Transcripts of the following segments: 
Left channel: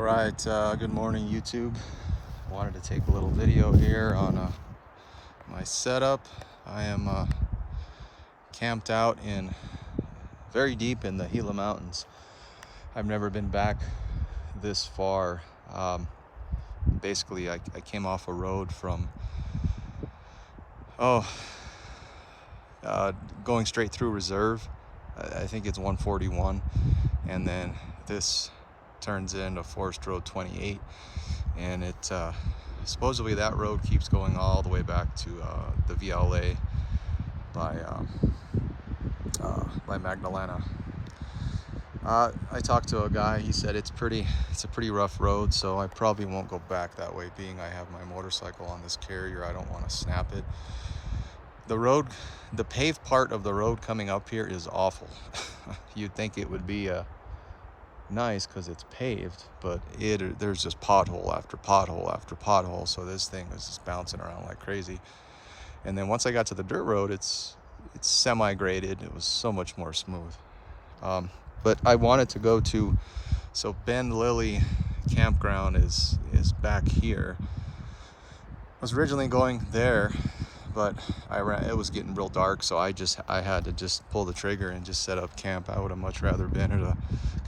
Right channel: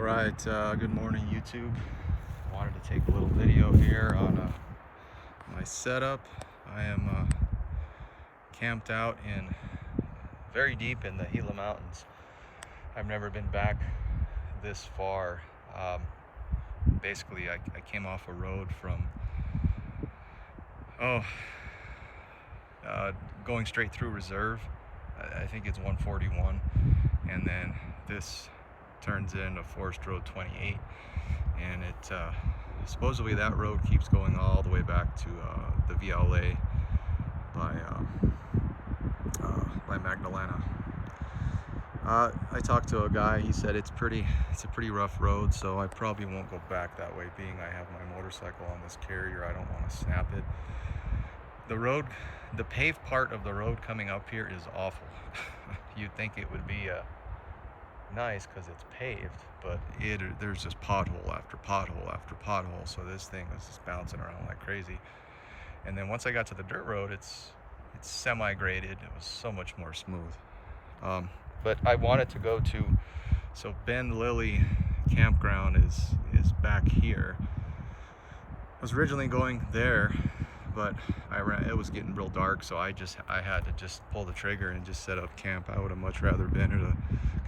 All right, good morning YouTube. Wanted to take a little video here on my setup. I am camped out in very deep in the Gila Mountains. I've never been back this far. Basically, I came off a road from going straight through reserve. I think it's 141, and then this turns into Forest Road 28, and it supposedly that road keeps going all the way back to the VLA by Magdalena. I talked to a guy. He said it's a pretty rough road, so I probably won't go back that way, being I have my motorcycle on this carrier. I don't want to snap it. The paved part of the road coming up here is awful. You'd think it would be nice because it's paved, but there's just pothole after pothole after pothole, so this thing is just bouncing around like crazy. And then once I got to the dirt road, it's semi-graded. It was so much more smooth. But I wanted to go to, so Ben Lilly campground is back here. I was originally going there, but it was getting real dark, so I had to just pull the trigger and just set up camp. I would have much rather been at a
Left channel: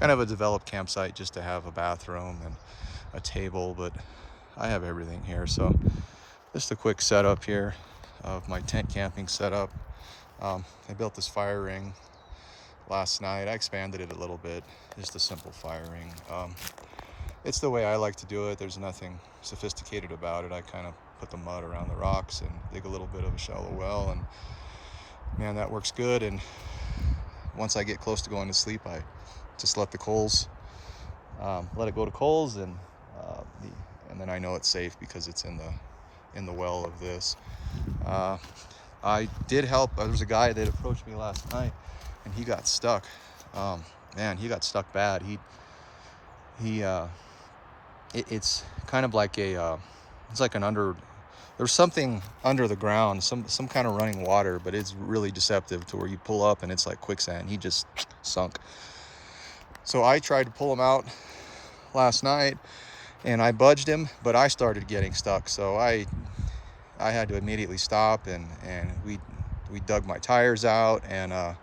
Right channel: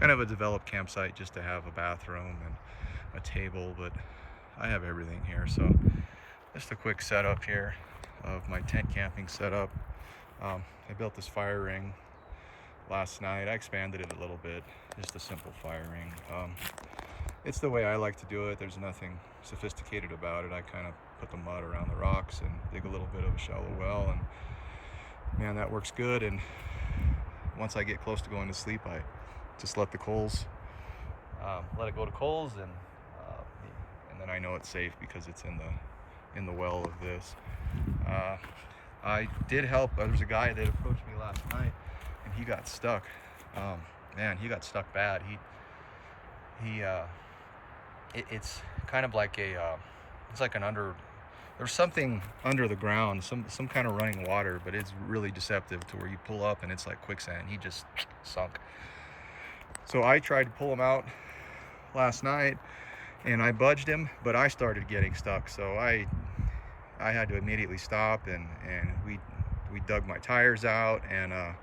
kind of a developed campsite just to have a bathroom and a table, but I have everything here. So just a quick setup here of my tent camping setup. I built this fire ring last night. I expanded it a little bit, just a simple fire ring. It's the way I like to do it. There's nothing sophisticated about it. I kind of put the mud around the rocks and dig a little bit of a shallow well, and man, that works good. And once I get close to going to sleep, I just let the coals, let it go to coals, and then I know it's safe because it's in the well of this. I did help. There was a guy that approached me last night, and he got stuck. Man, he got stuck bad. It's kind of like it's like there's something under the ground, some kind of running water, but it's really deceptive to where you pull up and it's like quicksand. He just sunk. So I tried to pull him out last night, and I budged him, but I started getting stuck. So I had to immediately stop, and we dug my tires out, and I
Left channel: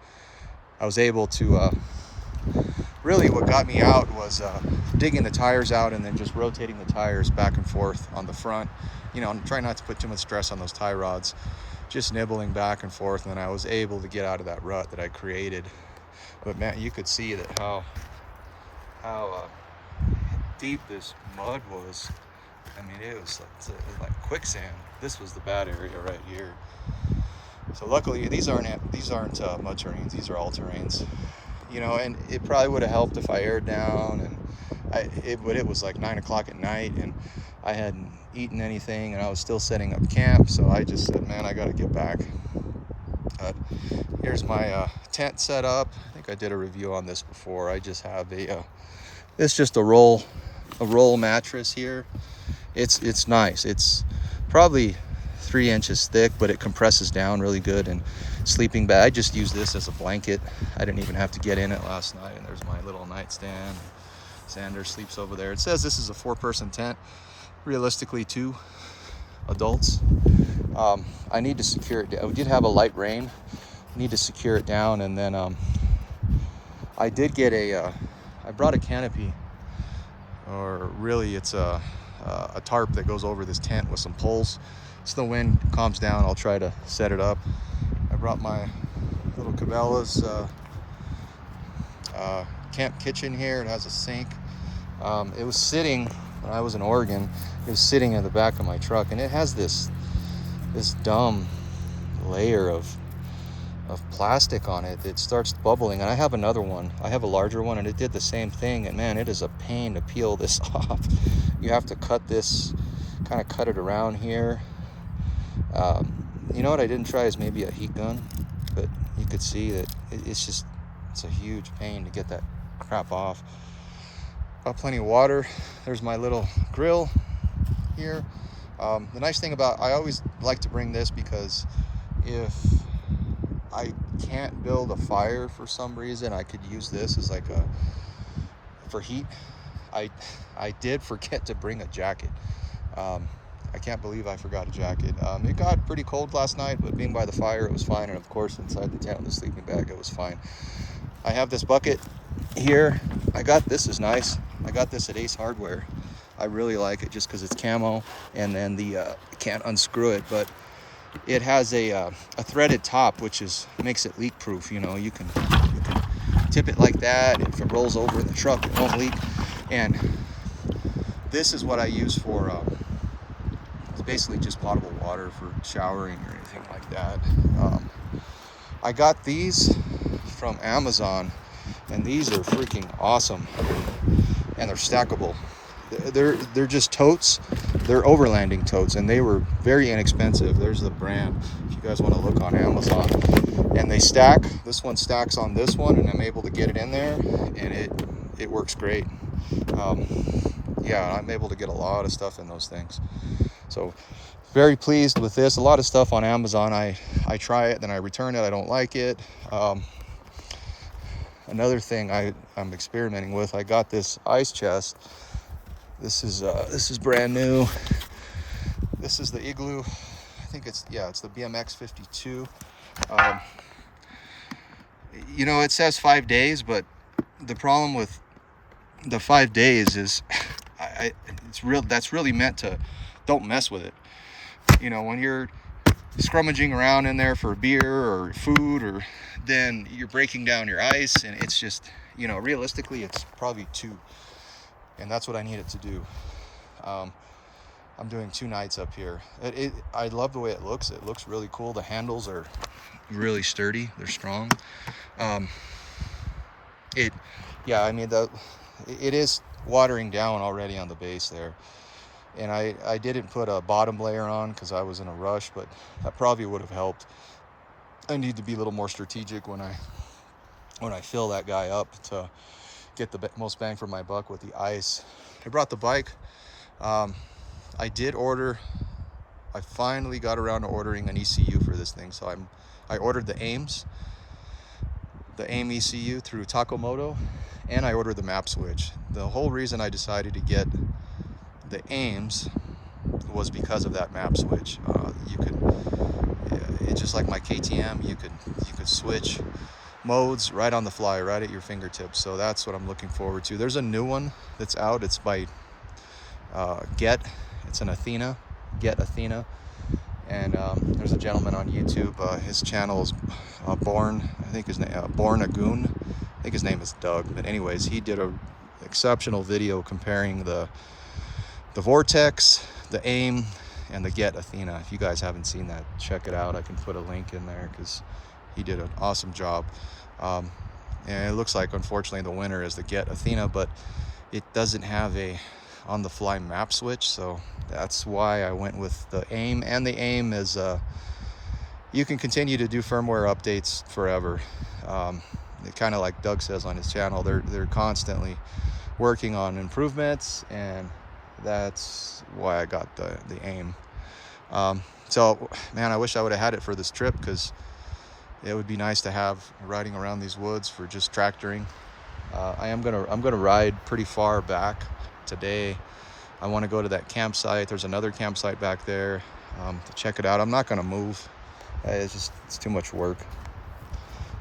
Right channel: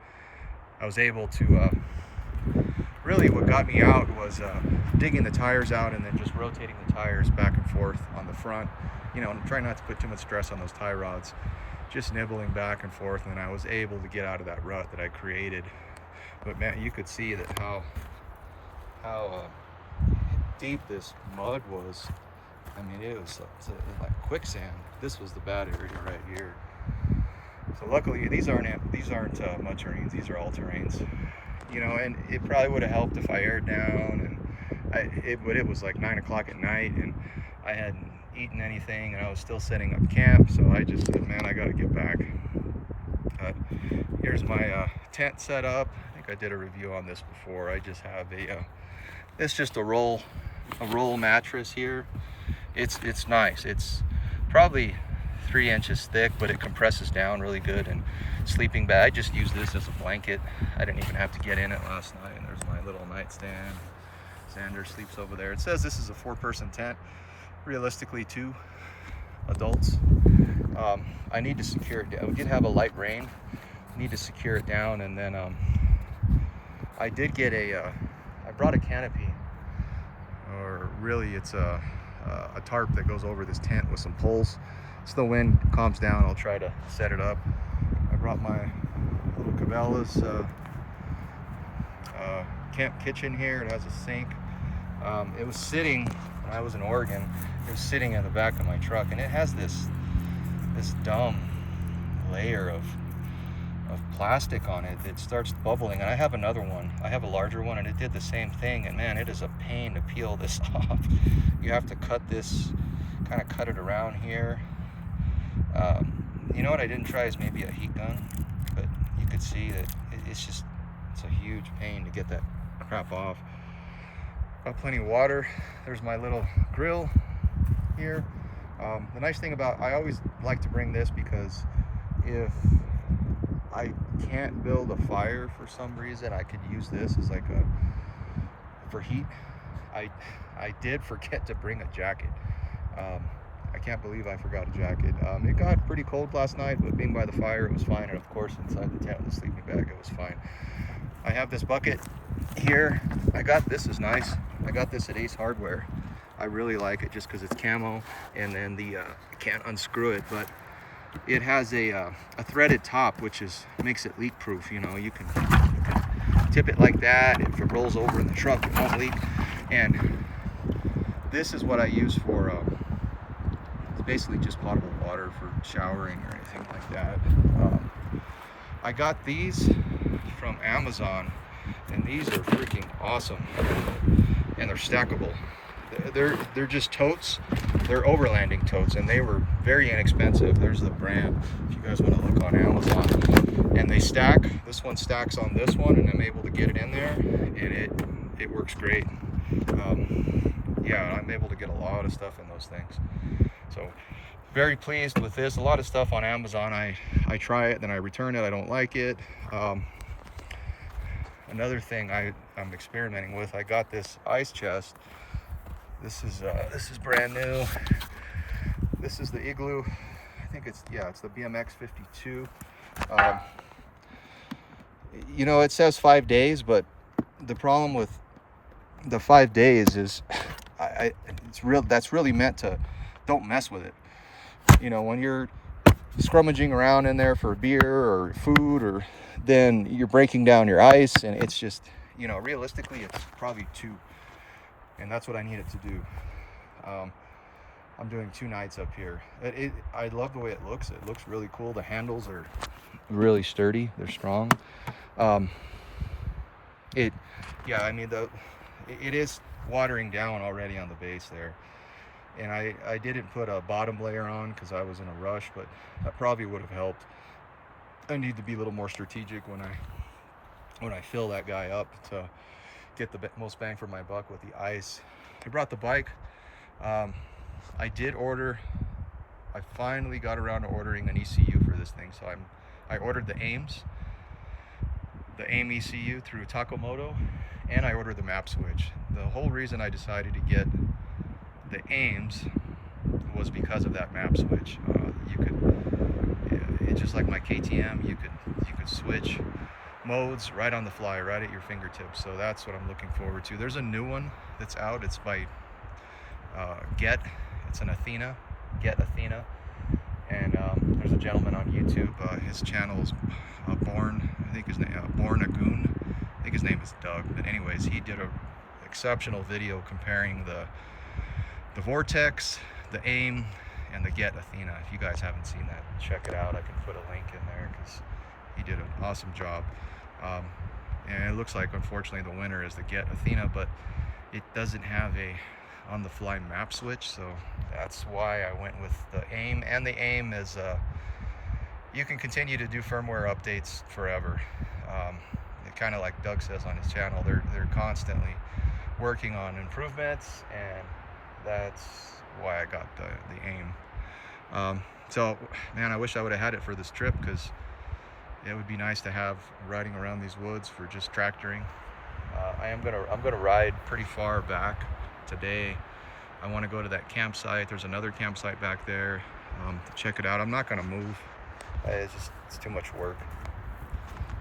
was able to really, what got me out was digging the tires out and then just rotating the tires back and forth on the front. You know, I'm trying not to put too much stress on those tie rods, just nibbling back and forth, and then I was able to get out of that rut that I created. But man, you could see that how deep this mud was. I mean, it was like quicksand. This was the bad area right here. So luckily, these aren't mud terrains. These are all terrains. You know, and it probably would have helped if I aired down, but it was like 9 o'clock at night, and I hadn't eaten anything, and I was still setting up camp. So I just said, man, I got to get back. Here's my tent set up. I think I did a review on this before. I just have it's just a roll mattress here. It's nice. It's probably 3 inches thick, but it compresses down really good. And sleeping bag, I just use this as a blanket. I didn't even have to get in it last night. And there's my little nightstand. Xander sleeps over there. It says this is a 4-person tent. Realistically, 2 adults. I need to secure it. We did have a light rain. Need to secure it down, and then I did get I brought a canopy, or really it's a tarp that goes over this tent with some poles. So the wind calms down, I'll try to set it up. I brought my little Cabela's camp kitchen here. It has a sink. It was sitting, when I was in Oregon, it was sitting in the back of my truck, and it has this dumb layer of plastic on it that starts bubbling. And I have another one. I have a larger one, and it did the same thing. And man, it is a pain to peel this off. You have to cut it around here. You know what I didn't try is maybe a heat gun, but you could see that it's a huge pain to get that crap off. Got plenty of water. There's my little grill here. The nice thing about, I always like to bring this because if I can't build a fire for some reason, I could use this as like for heat. I did forget to bring a jacket. I can't believe I forgot a jacket. It got pretty cold last night, but being by the fire, it was fine. And of course, inside the tent with the sleeping bag, it was fine. I have this bucket here. This is nice. I got this at Ace Hardware. I really like it just because it's camo, and then you can't unscrew it, but it has a threaded top, which makes it leak proof. You know, you can tip it like that. If it rolls over in the truck, it won't leak. And this is what I use for it's basically just potable water for showering or anything like that. I got these from Amazon, and these are freaking awesome, and they're stackable. They're just totes. They're overlanding totes, and they were very inexpensive. There's the brand if you guys want to look on Amazon. And they stack. This one stacks on this one, and I'm able to get it in there, and it works great. Yeah, I'm able to get a lot of stuff in those things. So very pleased with this. A lot of stuff on Amazon, I try it, then I return it. I don't like it. Another thing I'm experimenting with, I got this ice chest. This is brand new. This is the Igloo. I think it's the BMX 52. You know, it says 5 days, but the problem with the 5 days is that's really meant to, don't mess with it. You know, when you're scrummaging around in there for beer or food, or then you're breaking down your ice, and it's just, you know, realistically it's probably 2, and that's what I need it to do. I'm doing 2 nights up here. I love the way it looks. It looks really cool. The handles are really sturdy. They're strong. I mean, it is watering down already on the base there. And I didn't put a bottom layer on because I was in a rush, but that probably would have helped. I need to be a little more strategic when I fill that guy up to get the most bang for my buck with the ice. I brought the bike. I finally got around to ordering an ECU for this thing. So I ordered the AIM ECU through Takomoto, and I ordered the map switch. The whole reason I decided to get the AIMs was because of that map switch. It's just like my KTM, you could switch modes right on the fly, right at your fingertips. So that's what I'm looking forward to. There's a new one that's out. It's by Get. It's an Athena, Get Athena, and there's a gentleman on YouTube. His channel is Born Agoon. I think his name is Doug. But anyways, he did a exceptional video comparing the Vortex, the AIM, and the Get Athena. If you guys haven't seen that, check it out. I can put a link in there because he did an awesome job. And it looks like, unfortunately, the winner is the Get Athena, but it doesn't have a on-the-fly map switch, so that's why I went with the AIM. And the AIM is you can continue to do firmware updates forever. Kind of like Doug says on his channel, they're constantly working on improvements, and that's why I got the AIM. So man, I wish I would have had it for this trip, because it would be nice to have riding around these woods for just tractoring. I'm gonna ride pretty far back today. I want to go to that campsite. There's another campsite back there to check it out. I'm not gonna move. It's too much work.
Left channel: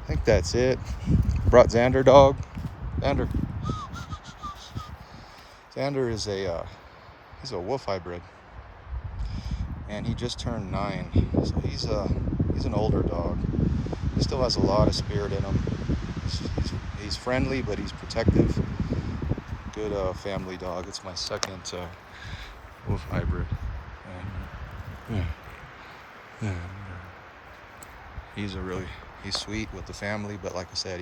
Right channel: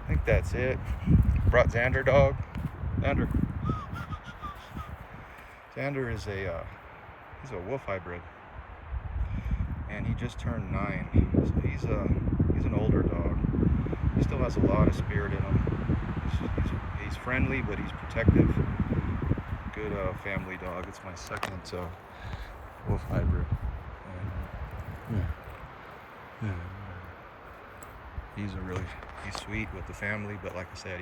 I think that's it. Brought Xander dog. Xander is he's a wolf hybrid, and he just turned 9. So he's an older dog. He still has a lot of spirit in him. He's friendly, but he's protective. Good family dog. It's my second wolf hybrid. And, he's sweet with the family, but like I said,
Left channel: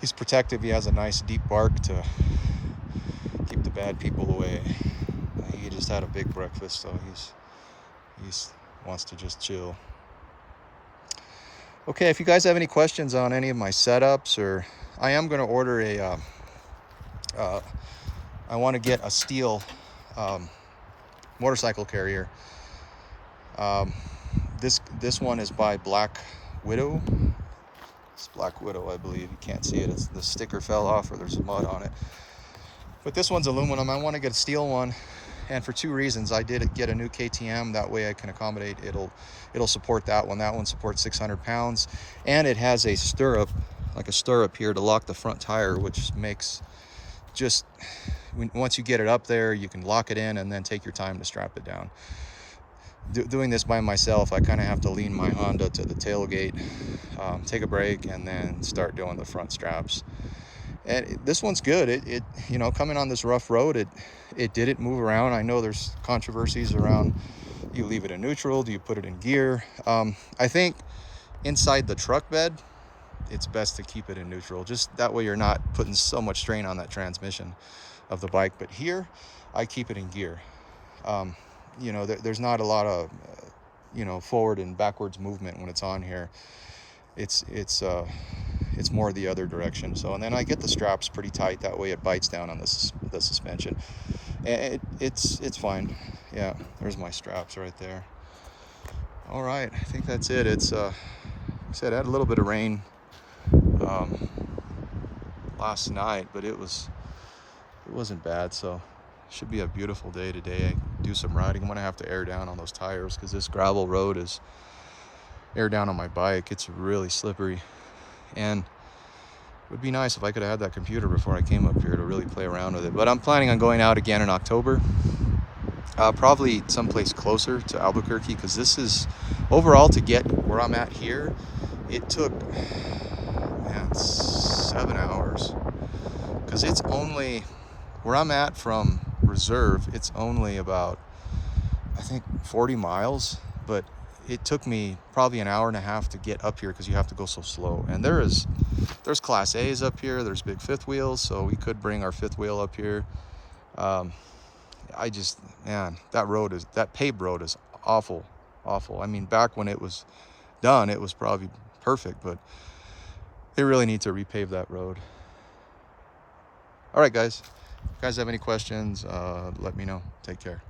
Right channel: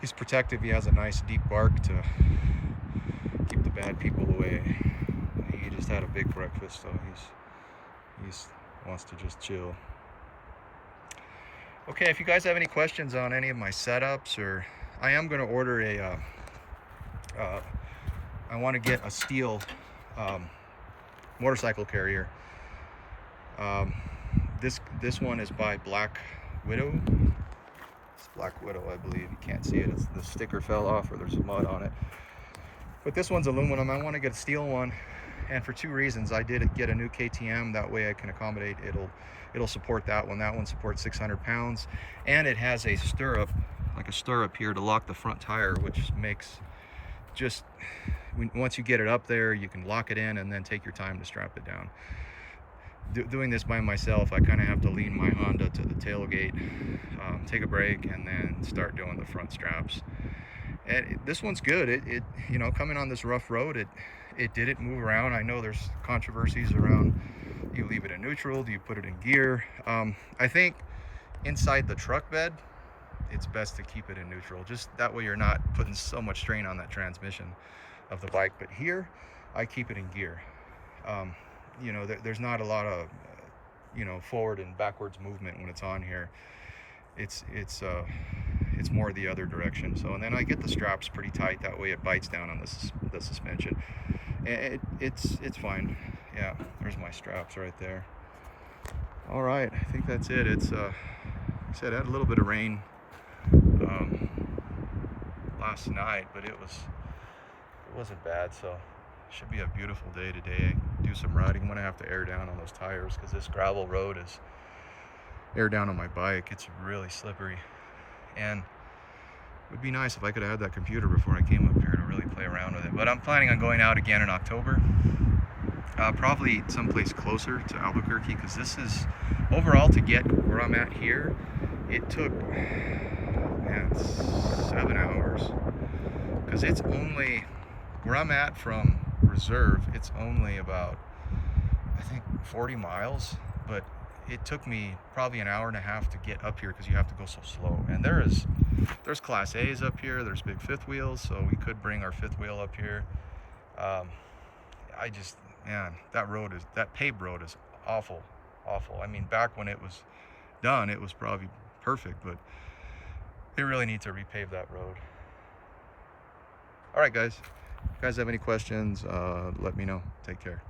he's protective. He has a nice deep bark to keep the bad people away. He just had a big breakfast, so he wants to just chill. Okay, if you guys have any questions on any of my setups, or I am going to order I want to get a steel motorcycle carrier. This one is by Black Widow. It's Black Widow, I believe. You can't see it. The sticker fell off, or there's mud on it. But this one's aluminum. I want to get a steel one, and for 2 reasons. I did get a new KTM, that way I can accommodate, it'll support that one. That one supports 600 pounds, and it has a stirrup, like a stirrup here to lock the front tire, which makes just, once you get it up there, you can lock it in and then take your time to strap it down. Doing this by myself, I kind of have to lean my Honda to the tailgate, take a break, and then start doing the front straps. And this one's good. It you know, coming on this rough road, it didn't move around. I know there's controversies around, you leave it in neutral, do you put it in gear? I think inside the truck bed, it's best to keep it in neutral. Just that way you're not putting so much strain on that transmission of the bike. But here, I keep it in gear. You know, there's not a lot of, you know, forward and backwards movement when it's on here. It's more the other direction. So, and then I get the straps pretty tight, that way it bites down on the suspension. And it's fine. Yeah, there's my straps right there. All right, I think that's it. It's like I said, I had a little bit of rain last night, but it wasn't bad, so should be a beautiful day today. I do some riding. I'm gonna have to air down on those tires because this gravel road is air down on my bike. It's really slippery, and it would be nice if I could have had that computer before I came up here to really play around with it. But I'm planning on going out again in October, probably someplace closer to Albuquerque, because this is, overall, to get where I'm at here, it took, man, 7 hours, because it's only, where I'm at from Reserve, it's only about, I think, 40 miles, but it took me probably an hour and a half to get up here because you have to go so slow. And there's Class A's up here, there's big fifth wheels, so we could bring our fifth wheel up here. I just, man, that paved road is awful. I mean, back when it was done, it was probably perfect, but they really need to repave that road. All right, guys. If you guys have any questions, let me know. Take care.